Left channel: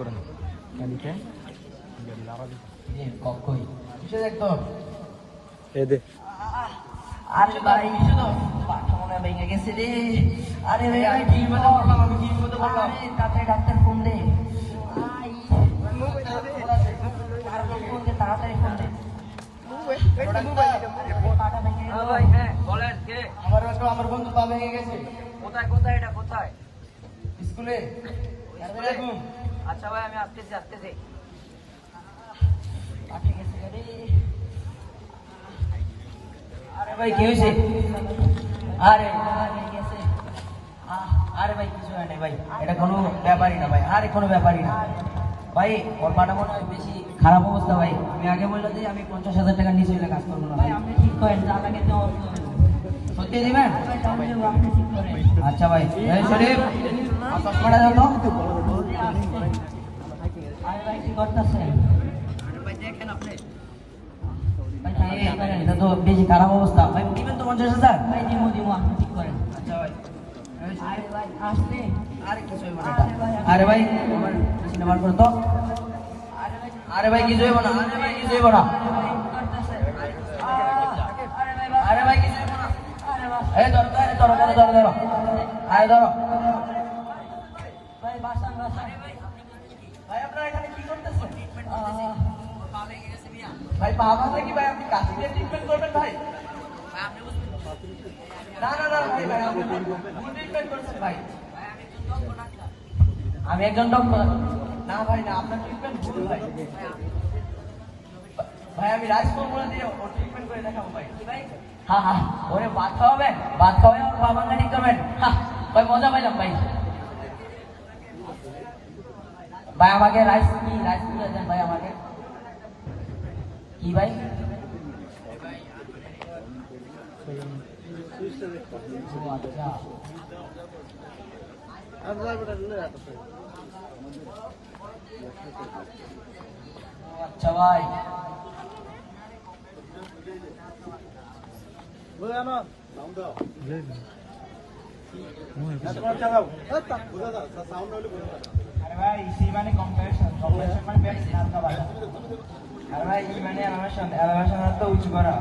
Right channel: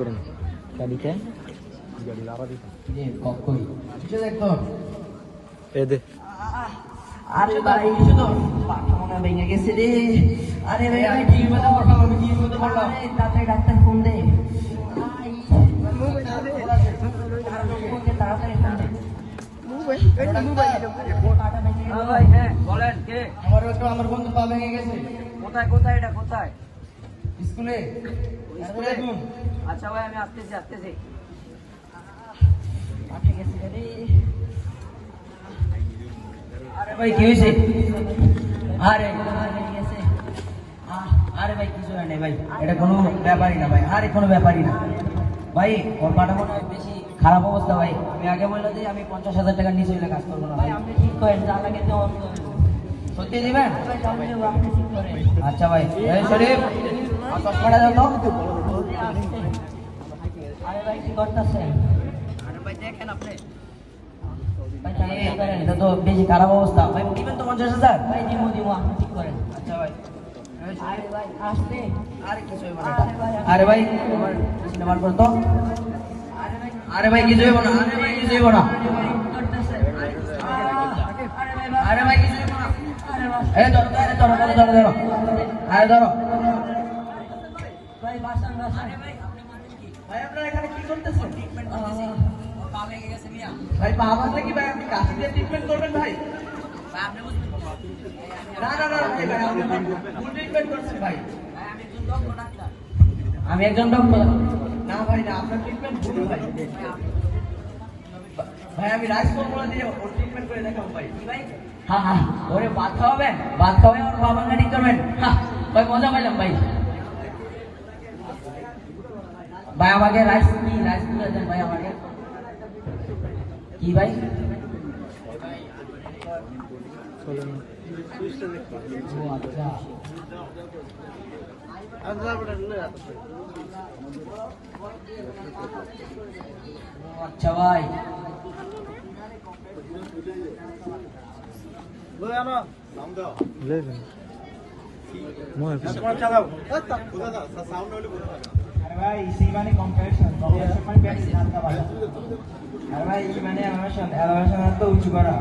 চাবিটা গাড়ি লাগা দিতে রে কই কিসে দেখতো এই দে আরে ভাই কিসে তো মনে ভেঙে গেছে রে আরে ভাই ঠিক মতো কথা বল ঠিক মতো বলো তাতে ডাক্তার ফোন দে তাড়াতাড়ি ফোন দে আমার বন্ধু পা ভেঙে গেছে কোথায় কোথায় এটা কোথায় স্কুলে স্কুলে ঘুম আচ্ছা ভাই আমি আসতেছি আরে ভাই কি হয়েছে আরে আরে ভাই কিছু হয় না ভাই এটা কোনো ব্যাপারই না ভাই আরে কোনো ব্যাপারই না ভাই ওর পাটা মনে হয় বেশি খারাপ অবস্থা ভাই আমি আগে বললে যে আমি 50,000 টাকার নিচে হইলে কাজ করবো না ভাই আপনি ঠিক করেন যা লাগে তো সত্যি দিবেন আচ্ছা ভাই এই শরীফ চশমাটা দাও তো আরে ভাই কি করতেছেন আরে ভাই দেখেন আপনি এটা তো বেশি খারাপ অবস্থা ভাই দিবেন তো 50,000 ভাই দিমু আপনি ঠিক করেন আচ্ছা ভাই আরে ভাই আসতে আরে কিছু হইব না আরে ভাই আমার সিনেমার করে তো আরে ভাই কিছু হইব না আরে ভাই কিছু হইব না আরে ভাই কিছু হইব না এই ধরো আরে ধরো ভাই বাসান আরে ভাই ভাই আপনারা এখানে কি করতেছেন পা ভেঙে গেছে মিয়া ভাই পা ভাঙলে কি ভাই আপনি কাছে গিয়ে ট্রিটমেন্ট করবেন ভাই আপনি বুঝবেন না ভাই আপনি ভুল ট্রিটমেন্ট করছেন ভাই আমি একজন ডক্টর না ভাই না আপনার ট্রিটমেন্ট ভুল ভাই ভাই আমি রাজকোট দিয়ে ওর ট্রিটমেন্ট করে দেখাবো ভাই কি ভাই হ্যাঁ ওরে ভাত খাওয়াবেন আমার পা ভাঙা ঠিক করবেন ভাই মজা পাইলাম ভাই ভাই আমাকে রাইস করে দেন ভাই আমাকে কি ভাই আচ্ছা ভাই ভাই ইসি মানে কম্পারেশন মানে হালকা বাজা আর ভাই ই মানে অ্যানিমেশন তো উঁচু করা